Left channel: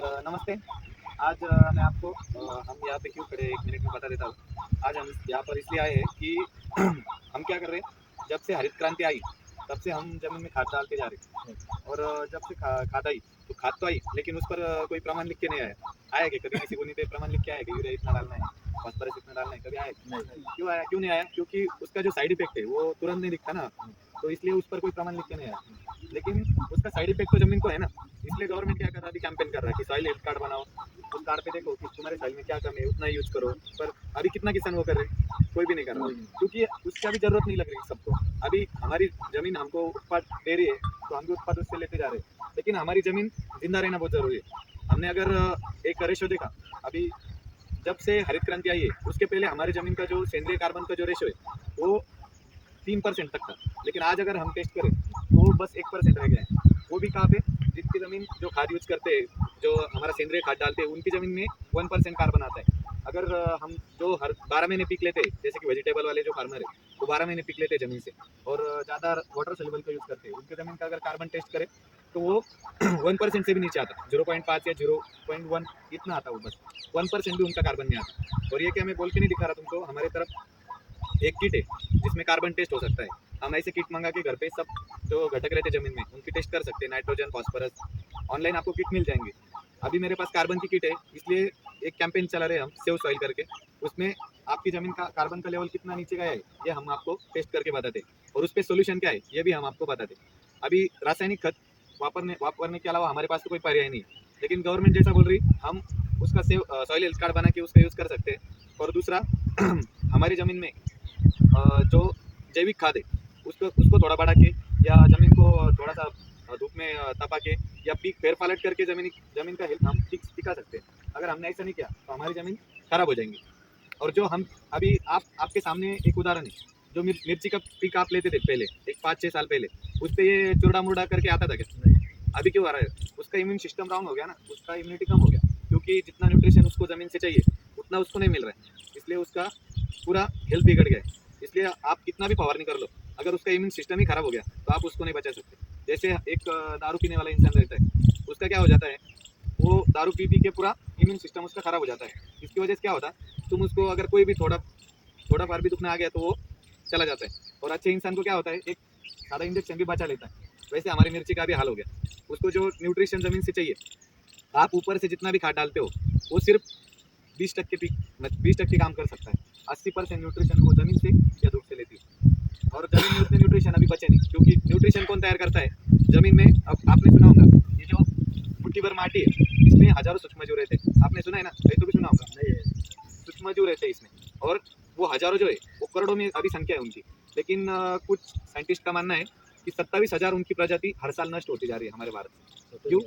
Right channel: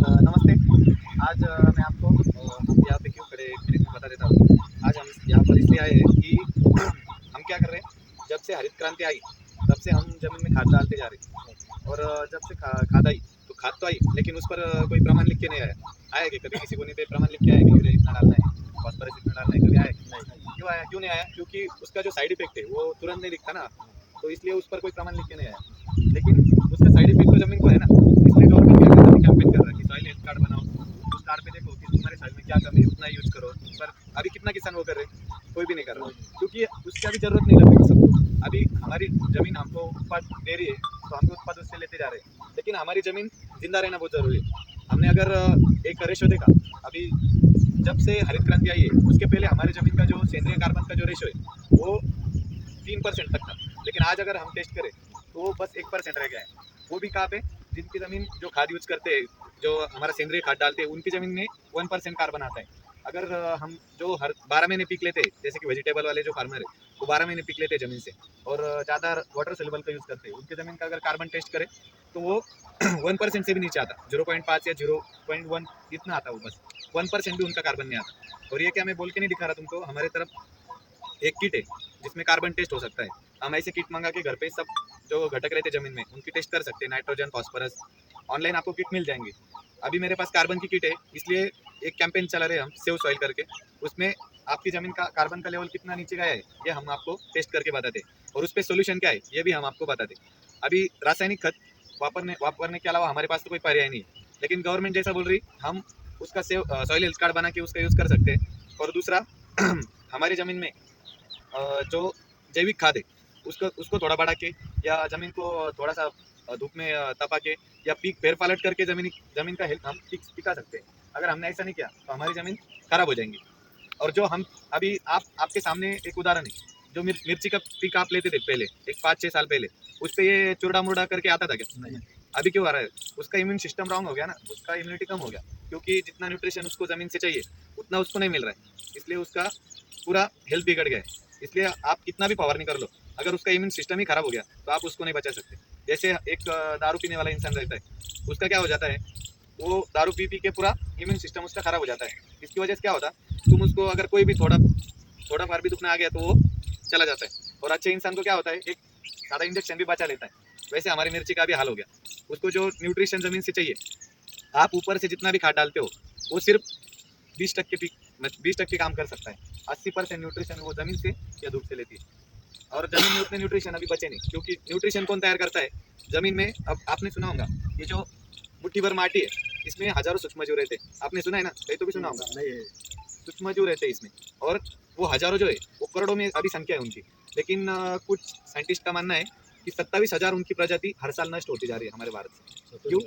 Sir नमस्ते। आज मैं आपको हम यहाँ पे क्यों खड़े हैं 1 मिनट में बता देता हूँ। आज हम यहाँ पर इसलिए आए हैं कि हम क्या कर रहे हैं, जब से हरित क्रांति आई, तब से हम ज़मीन में खाद डालते जा रहे हैं और जब से खाद आई, तो खाद तो आई, लेकिन उस पर कोई प्रमाण लिख के नहीं आया। आया क्या कभी किसी को नहीं पे प्रमाण लिख के आया कि यूरिया इतना डालना है, फास्फोरस इतना डालना है, कभी आया? नहीं। क्यों आया? क्यों नहीं आया? क्योंकि उसका जो साइड इफ़ेक्ट है, वो तुरंत नहीं दिखता ना, तो इसलिए उस पर कोई प्रमाण लिख के नहीं आया। लेकिन उसका साइड इफ़ेक्ट तो ज़मीन को है ना, इसलिए गवर्नमेंट क्या कर रहा है, कैंपेन कर रहा है कि सॉइल हेल्थ कार्ड बनाओ। उस कार्ड पे देखो कि तुम्हारे सॉइल में क्या कमी है, उतना ही यूज़ करो। पर अभी कितना किसान वो कर रहे हैं? कोई भी नहीं कर रहा, क्योंकि उसकी अभी ज़रूरत नहीं लग रही सबको। अभी हमारी ज़मीन हमको उत्पाद दे रही है, तो हम भी उत्पाद उससे लेते जा रहे हैं। लेकिन हमारी ज़मीन ज़िंदा रहना बहुत ज़रूरी है। हमने अगर एक रेशो देखा, अभी जब से हरित क्रांति आई है, उसके पहले हमारी ज़मीन का जो सेंद्रीय कार्बन का जो रेशो है, वो 3% तक था। लेकिन आज अगर हम टेस्ट करें, तो वो बस 1% रह गया है। वो भी कहाँ पे? जिनकी ज़मीन जो खाद यूज़ करते हैं, जो हमारा सेंद्रीय खाद डालते हैं, उनकी ज़मीन में 1% कार्बन आता है। अगर हम जो हर 12 महीने पीक लेते हैं, जैसे कि वेजिटेबल वाले जो फार्मर है, वो 12 महीने पीक लेते हैं ज़मीन से और ज़्यादा वाटर सोल्यूबल का यूज़ करते हैं, उनकी ज़मीन का अगर कार्बन टेस्ट करें, तो वो 1% से भी नीचे आता, 0.5 या 0.1 इतना आता, वो बस 1% भी उनका कार्बन नहीं आता। और ये क्या मैं बोल के नहीं दिखा रहा तुमको, हमारे तरफ एक किट है जिसमें कार्बन टेस्ट हो सकता है। हम ऐसे किट मंगा के घर पे सब जो घटक रहते ज़मीन में, उनकी टेस्ट कर सकते हैं, नाइट्रोजन, फास्फोरस। ऑनलाइन आपको किट मिल जाएंगी। अभी मेरे पास कार्बन की किट है, इसलिए एक कैंपेन चला रहे हैं हम, सेव सॉइल करके। उसमें आपकी ज़मीन का कार्बन का लेवल कितना नीचे गया है, ये हम आपको टेस्ट करके बताते हैं, और उस पर सोल्यूशन क्या है, ये भी हम आपको बताते हैं। अभी रासायनिक खत वापरने के अलावा हमारे पास तो कोई पर्याय नहीं है, लेकिन गवर्नमेंट जैसा बोल रही, हम उसका सेव सॉइल हेल्थ कार्ड बना के उसका यूज़ कर सकते हैं। और दूसरा हमारी ज़मीन में जो जैविक खाद है, उसको उसको थोड़ा बढ़ा के, या ज़मीन को थोड़ा सा धूप में तपा के, या पीक फेर पालट करके ज़मीन का हेल्थ हम टिका सकते हैं। अगर हमने ऐसा नहीं किया, तो हमारी ज़मीन खराब हो जाएंगी। और जो हम अभी आपके सामने एक उदाहरण है, जो मिर्ची का पीक आप लेते थे पहले, एक 5-6 साल पहले, उस पे ये चुरड़ा मुरड़ा करके आता था क्या? नहीं। अभी क्यों आ रहा है? उसका इम्यून सिस्टम रॉन्ग हो गया ना, उसका इम्यूनिटी कम हो गया, क्योंकि जितना न्यूट्रिशन उसको ज़मीन से चाहिए, उतना उसको नहीं मिल रहा है, इसलिए उसका पूरा हेल्थ बिगड़ गया है। इसलिए आप कितना भी फवारनी कर लो, अगर उसका इम्यून सिस्टम ही खराब हो गया, तो आप उसको नहीं बचा सकते। जैसे एक दारू पीने वाला इंसान रहता है, उसका क्या हो जाता है, वो दारू पी के पूरा इम्यून सिस्टम उसका खराब हो जाता है। इसकी वजह से क्या होता है, तुम उसको अगर कोई भी थोड़ा फार भी दुखना आ गया, तो वो चला जाता है। और अच्छे इंसान को क्या होता है, एक सादा इंजेक्शन भी बचा लेता है। वैसे हमारी मिर्ची का भी हाल हो गया। उसको जो न्यूट्रिशन ज़मीन से चाहिए, आप ऊपर से जितना भी खाद डालते हो, वो सिर्फ 20% 20% काम कर सकता है। 80% न्यूट्रिशन वो ज़मीन से या धूप से लेती है। और ज़मीन में उतने न्यूट्रिशन अभी बचे नहीं, क्योंकि न्यूट्रिशन कौन तैयार करता है ज़मीन में? अब आपने सुना होगा, ये जो मुट्ठी भर माटी है, इसमें हजारों सूक्ष्मजीव रहते हैं। आपने सुना है ना, कहीं तो भी सुना होगा। नहीं। सूक्ष्मजीव रहते हैं इसमें, और वो हजारों जो है, वो करोड़ों में अभी संख्या है उनकी। लेकिन कुछ साइंटिस्ट का मानना है कि 27,000 उनकी प्रजाति हर साल नष्ट होती जा रही है हमारे भारत से। क्यों?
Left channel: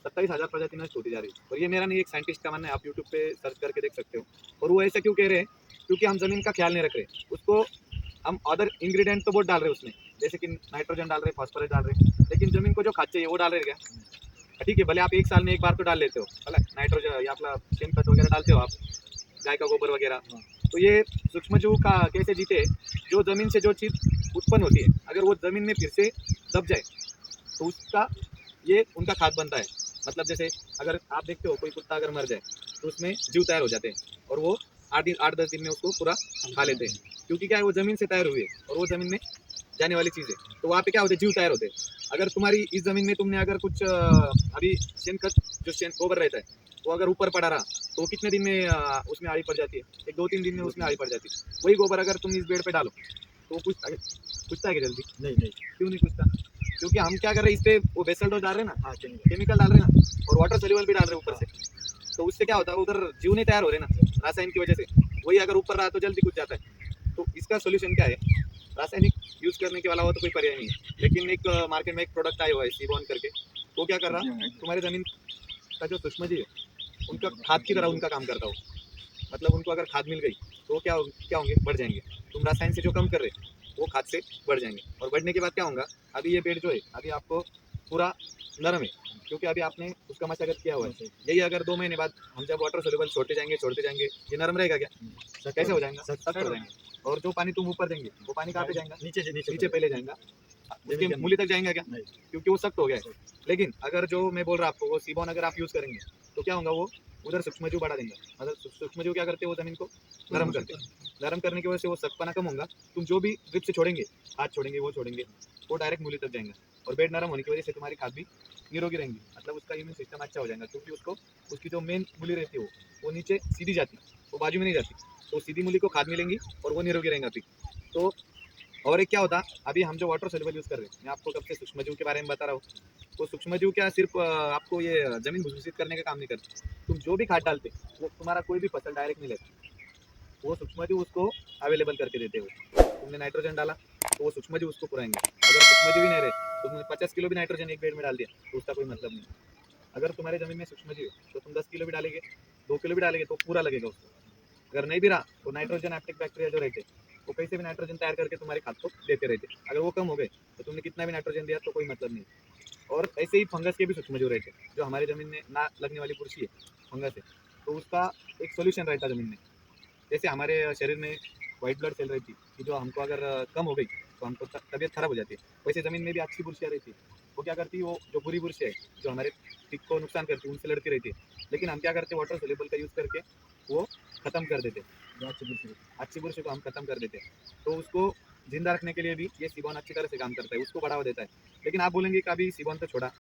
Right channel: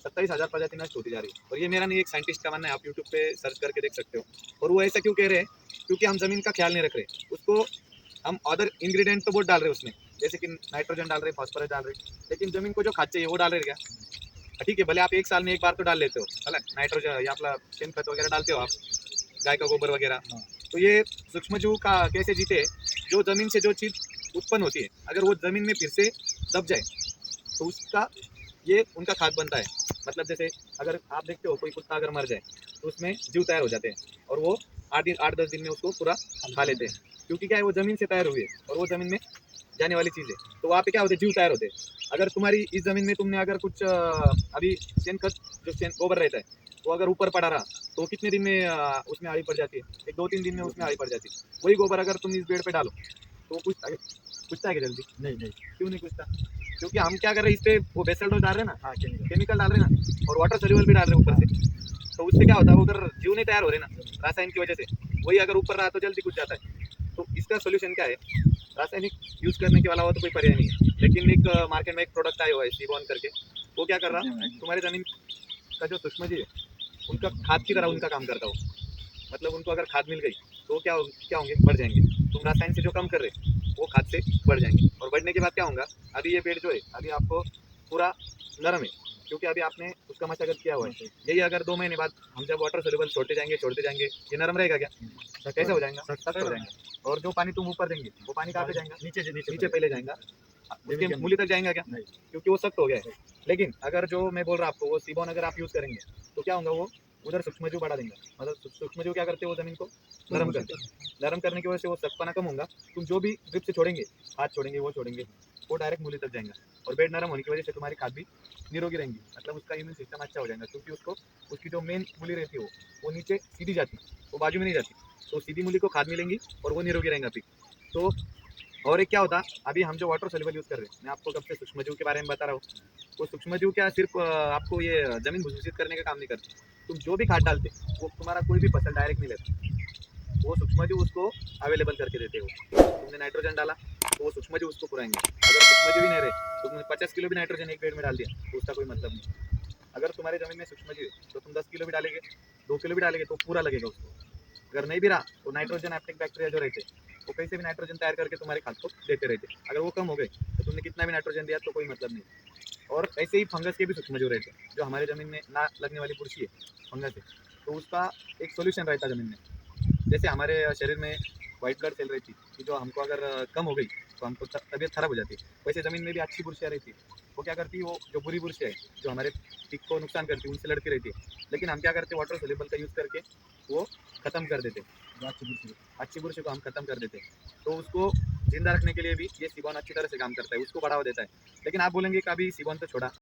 27,000 प्रजाति नष्ट होती जा रही है। और ये मेरा नहीं, एक साइंटिस्ट का मानना है, आप यूट्यूब पे सर्च करके देख सकते हो। और वो ऐसा क्यों कह रहे हैं? क्योंकि हम ज़मीन का ख्याल नहीं रख रहे। उसको हम अदर इंग्रेडिएंट तो बहुत डाल रहे हैं उसमें, जैसे कि नाइट्रोजन डाल रहे हैं, फास्फोरस डाल रहे हैं, लेकिन ज़मीन को जो खाद चाहिए वो डाल रहे हैं क्या? ठीक है, भले आप 1 साल में 1 बार तो डाल लेते हो, है ना? नाइट्रोजन या अपना शेन खत वगैरह डालते हो आप, गाय का गोबर वगैरह। हाँ। तो ये सूक्ष्मजीव का कैसे जीते? जो ज़मीन से जो चीज़ उत्पन्न होती है, अगर वो ज़मीन में फिर से दब जाए, तो उसका ये उनका खाद बनता है। मतलब जैसे अगर आप देखते हो, कोई कुत्ता अगर मर जाए, तो उसमें जीव तैयार हो जाते हैं, और वो 8-10 दिन में उसको पूरा खा लेते हैं, क्योंकि क्या है, वो ज़मीन से तैयार हुई है, और वो ज़मीन में जाने वाली चीज़ है। तो वहाँ पे क्या होते हैं, जीव तैयार होते हैं। अगर तुम्हारी इस ज़मीन में तुमने अगर कुछ अभी शेन खत, जो शेन गोबर रहता है, वो अगर ऊपर पड़ा रहा, तो वो कितने दिन में उसमें आड़ी पड़ जाती है? एक 2-3 दिन में उसमें आड़ी पड़ जाती है। वही गोबर अगर तुम इस पेड़ पे डालो, तो वो पूछता है कि जल्दी? नहीं। क्यों नहीं पूछता? क्योंकि हम क्या कर रहे हैं, इस पे वो बेसल डोज डाल रहे हैं ना, हाँ, केमिकल। केमिकल डाल रहे हैं ना, और वाटर सोल्यूबल भी डाल रहे हैं ऊपर से। तो उससे क्या होता है, उधर जीव नहीं तैयार हो रहे ना, रासायनिक की वजह से। वही अगर ऊपर रहा, तो जल्दी कुछ जाता है। तो इसका सोल्यूशन क्या है? रासायनिक यूज़ करने के अलावा तो कोई पर्याय नहीं है। लेकिन एक मार्केट में एक प्रोडक्ट आया हुआ है, सीबॉन करके। वो क्या कर रहा, तुम्हारी ज़मीन का जो सूक्ष्मजीव है, उनका खाद की तरह उनका काम करता हो। मतलब उनको अगर खाद मिल गई, तो वो क्या होंगे, बढ़ जाएंगे। तुम रासायन से जो कम कर रहे, वो खाद से बढ़ जाएंगे। और बढ़ने के बाद क्या होगा, अभी ये पेड़ जो है, अभी आपको पूरा नरम है, क्योंकि अभी आपने उसका मशागत किया हुआ है। यही अगर 2 महीने बाद हम जब वाटर सोल्यूबल छोड़ते जाएंगे, ये नरम रहेगा क्या? कैसे हो जाएगा? सख्त हो जाएगा। और जो पानी तुम ऊपर देंगे, वो पानी कहाँ पे जाएगा? नीचे से नीचे पहले जाएगा। उसके जमीन के मूली तक जाएगा क्या? नहीं। क्योंकि वो सख्त हो गया है। लेकिन अगर जो मैं बोल रहा हूँ आपको वो सीबॉन अगर आप यूज़ करेंगे तो क्या होगा, वो उधर सूक्ष्मजीव बढ़ा देंगे। मतलब सूक्ष्मजीव क्या करते हैं, वो ज़मीन को नरम करते हैं। नरम करने की वजह से वो सख्तपना कम होगा। तुम जो भी ड्रिप से छोड़ेंगे, खाद छोड़ेंगे, वो छोड़ेंगे, वो डायरेक्ट मूली तक जाएगा। और बेड नरम होने की वजह से तुम्हारी खाद भी निरोगी रहेंगी। मतलब उसका इम्यून सिस्टम अच्छा हो जाएगा, क्योंकि उसको उसकी जो मेन मूली रहती है वो नीचे सीधी जाती है, वो बाजू में नहीं जाती। तो सीधी मूली को खाद मिलेंगी और वो निरोगी रहेगा पिक। तो और एक क्या होता, अभी हम जो वाटर सोल्यूबल यूज़ कर रहे हैं, मैं आपको कब से सूक्ष्मजीव के बारे में बता रहा हूँ। वो सूक्ष्मजीव क्या सिर्फ आपको ये ज़मीन भूषित करने का काम नहीं करते। तुम जो भी खाद डालते वो तुम्हारा कोई भी फसल डायरेक्ट नहीं लेता। वो सूक्ष्मजीव उसको अवेलेबल करके देते हो। तुमने नाइट्रोजन डाला तो वो सूक्ष्मजीव उसको पुराएंगे। अगर सूक्ष्मजीव ही नहीं रहे तो तुमने 50 किलो भी नाइट्रोजन एक पेड़ में डाल दिया तो उसका कोई मतलब नहीं। अगर तुम्हारे ज़मीन में सूक्ष्मजीव है तो तुम 10 किलो भी डालेंगे, 2 किलो भी डालेंगे तो पूरा लगेगा उसको। अगर नहीं भी रहा तो नाइट्रोजन एप्टिक बैक्टीरिया जो रहते वो कैसे भी नाइट्रोजन तैयार करके तुम्हारे खाद को देते रहते। अगर वो कम हो गए तो तुमने कितना भी नाइट्रोजन दिया तो कोई मतलब नहीं। और ऐसे ही फंगस के भी सूक्ष्मजीव रहते हैं, जो हमारे ज़मीन में ना लगने वाली बुरशी है, फंगस है, तो उसका एक सॉल्यूशन रहता है ज़मीन में। जैसे हमारे शरीर में वाइट ब्लड सेल रहती है कि जो हमको अगर कम हो गई तो हमको तबीयत खराब हो जाती है, वैसे ज़मीन में भी अच्छी बुर्शियाँ रहती है। वो क्या करती है, वो जो बुरी बुर्शियाँ है जो हमारे पिक को नुकसान करती है उनसे लड़ती रहती है। लेकिन हम क्या करते हैं, वाटर सोल्यूबल का यूज़ करके वो ख़त्म कर देते हैं। जो अच्छी बुरी अच्छी बुर्शी को हम ख़त्म कर देते हैं। तो उसको जिंदा रखने के लिए भी ये सीबॉन अच्छी तरह से काम करता है, उसको बढ़ावा देता है। लेकिन आप बोलेंगे कि अभी सीबॉन तो छोड़ा,